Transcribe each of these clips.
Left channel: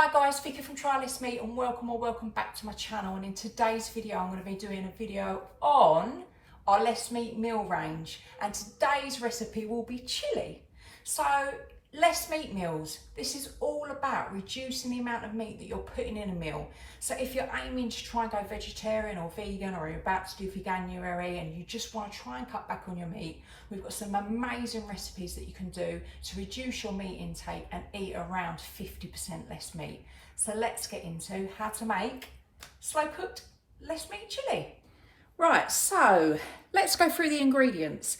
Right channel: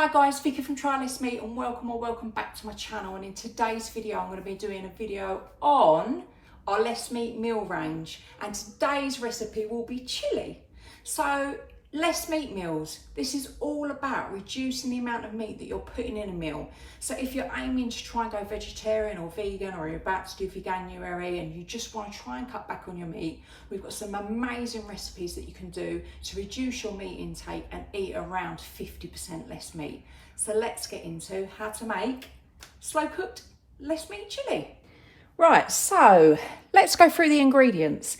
Hi guys, Vicky from Trylessmeat and welcome back to my channel. And in today's video I'm going to be doing a video on our less meat meal range, and today's recipe will be chili. So less meat meals, this is all about reducing the amount of meat that you're putting in a meal. So if you're aiming to try and go vegetarian or vegan, or you're about to do Veganuary and you just want to try and cut back on your meat, we've got some amazing recipes that you can do to reduce your meat intake and eat around 50% less meat. So let's get into how to make slow cooked less meat chili. Right, so let's go through the ingredients.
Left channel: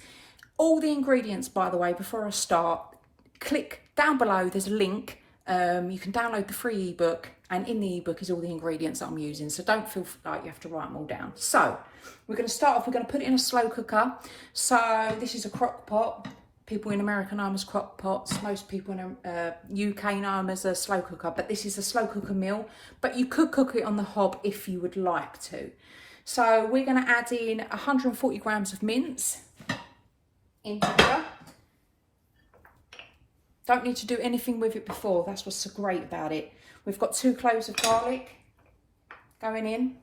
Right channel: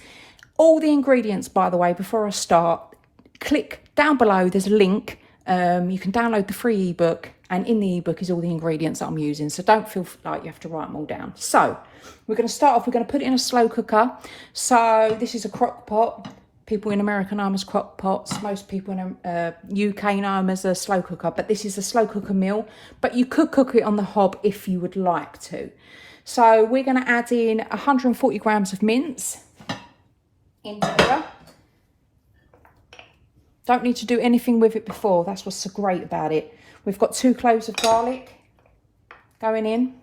All the ingredients, by the way, before I start, click down below, there's a link. You can download the free ebook, and in the ebook is all the ingredients that I'm using, so don't feel like you have to write them all down. So we're going to start off, we're going to put it in a slow cooker. So this is a crock pot. People in America know them as crock pots. Most people in UK know them as a slow cooker, but this is a slow cooker meal, but you could cook it on the hob if you would like to. So we're going to add in 140 grams of mince into here. Don't need to do anything with it before. That's what's so great about it. We've got 2 cloves of garlic going in.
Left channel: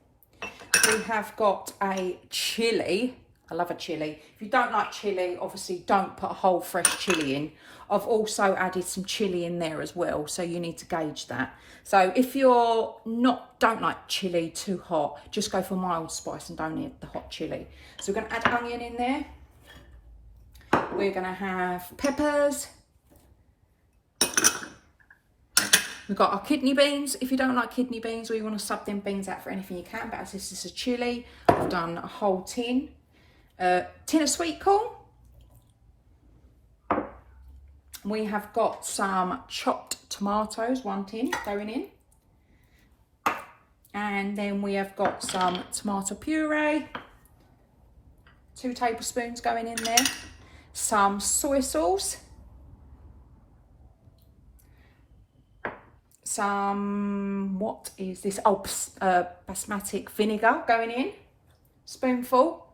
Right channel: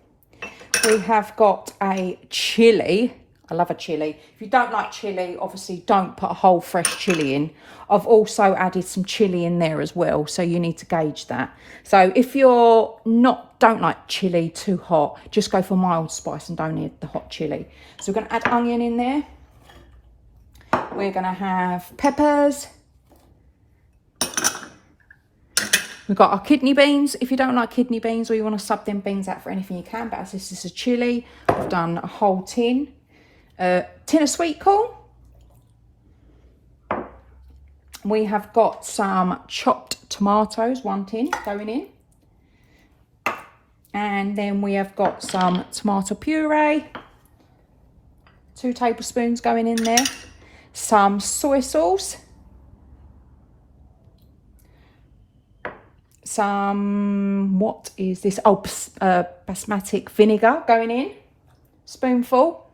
We have got a chili. I love a chili. If you don't like chili, obviously don't put a whole fresh chili in. I've also added some chili in there as well, so you need to gauge that. So if you're don't like chili too hot, just go for mild spice and don't need the hot chili. So we're going to add onion in there. We're going to have peppers. We've got our kidney beans. If you don't like kidney beans or you want to sub them beans out for anything, you can. But as this is a chili, I've done a whole tin. Tin of sweet corn. We have got some chopped tomatoes, 1 tin going in. And then we have got some tomato puree, 2 tablespoons going in there. Some soy sauce. Some, what is this? Oh, basmati vinegar going in, spoonful.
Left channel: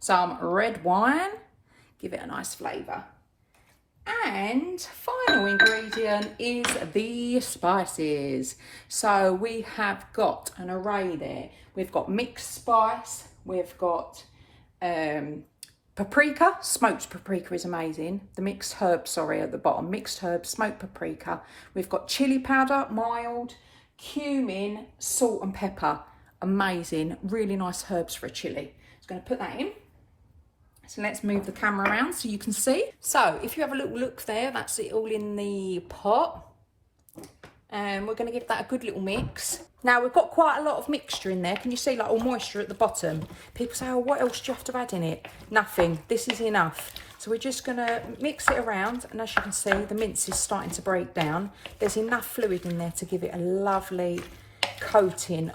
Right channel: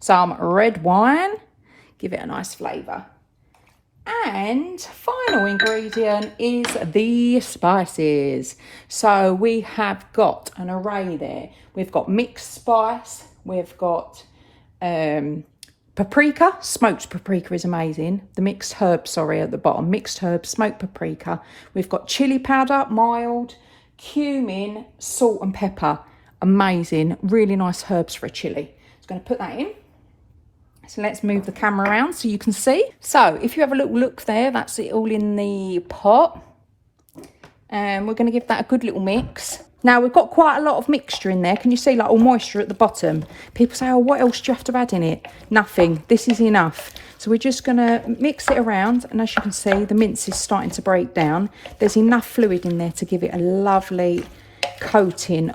Some red wine, give it a nice flavour. And final ingredient is the spices. So we have got an array there. We've got mixed spice, we've got paprika. Smoked paprika is amazing. The mixed herbs, sorry, at the bottom. Mixed herbs, smoked paprika. We've got chili powder, mild, cumin, salt and pepper. Amazing. Really nice herbs for a chili. Just going to put that in. So let's move the camera around so you can see. So if you have a little look there, that's it all in the pot. And we're going to give that a good little mix. Now we've got quite a lot of mixture in there. Can you see, like, all moisture at the bottom? People say, oh, what else do you have to add in it? Nothing. This is enough. So we're just going to mix it around. And as you can see, the mince is starting to break down. There's enough fluid in there to give it a lovely coating.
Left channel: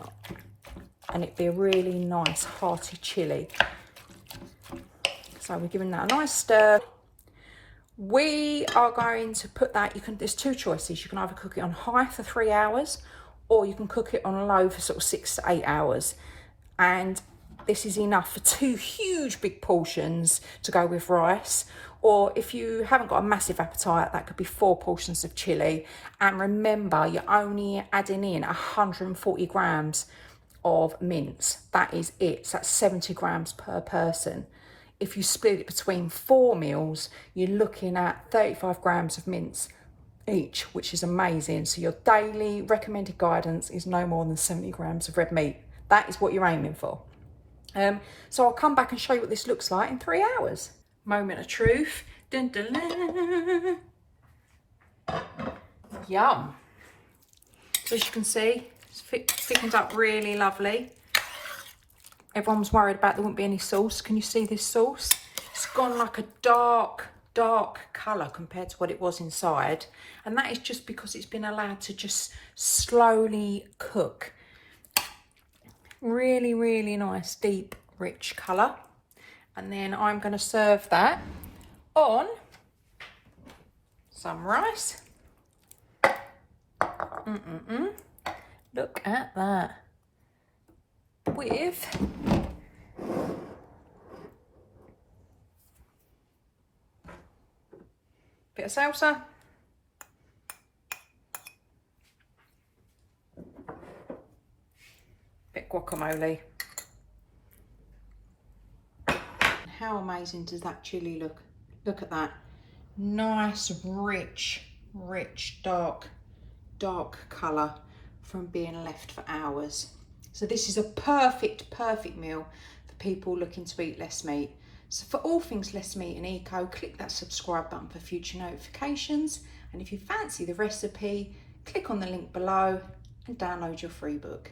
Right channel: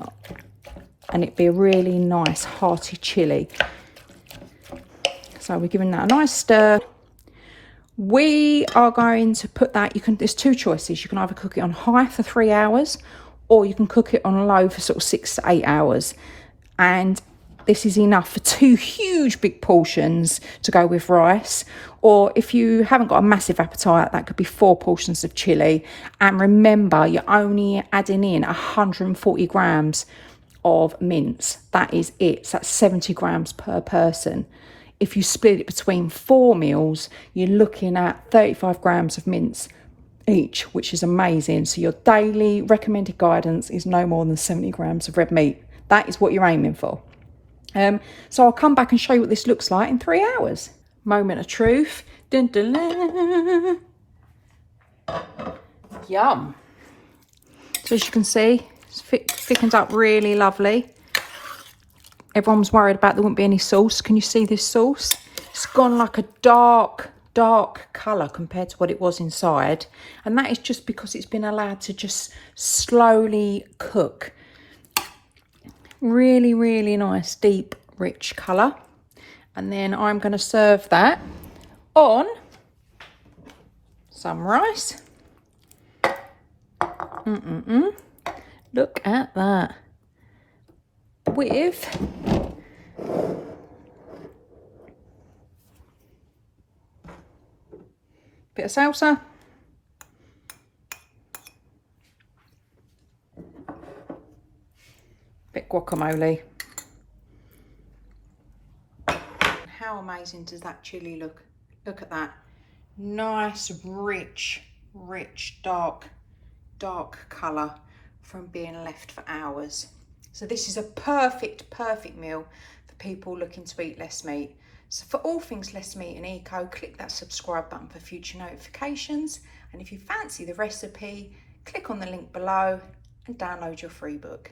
And it'd be a really nice hearty chili. So we're giving that a nice stir. We are going to put that, there's 2 choices. You can either cook it on high for 3 hours, or you can cook it on low for sort of 6 to 8 hours. And this is enough for 2 huge big portions to go with rice. Or if you haven't got a massive appetite, that could be 4 portions of chili. And remember, you're only adding in 140 grams of mince. That is it. So that's 70 grams per person. If you split it between 4 meals, you're looking at 35 grams of mince each, which is amazing. So your daily recommended guidance is no more than 70 grams of red meat. That is what you're aiming for. So I'll come back and show you what this looks like in 3 hours. Moment of truth. Dun, dun, dun. Yum. So as you can see, it's thickened up really lovely. Everyone was worried about there wouldn't be any sauce. Can you see this sauce? It's gone like a dark colour compared to what it was inside. And that is just because it's been allowed to just slowly cook. Really, really nice, deep, rich colour. And then I'm going to serve that on some rice. Look at that. With bit of salsa, Bit guacamole. How amazing does that chili look? Look at that. Nice, rich, dark colour from being left for hours. So this is a perfect meal for people looking to eat less meat. So for all things less meat and eco, click that subscribe button for future notifications. And if you fancy the recipe, click on the link below and download your free book.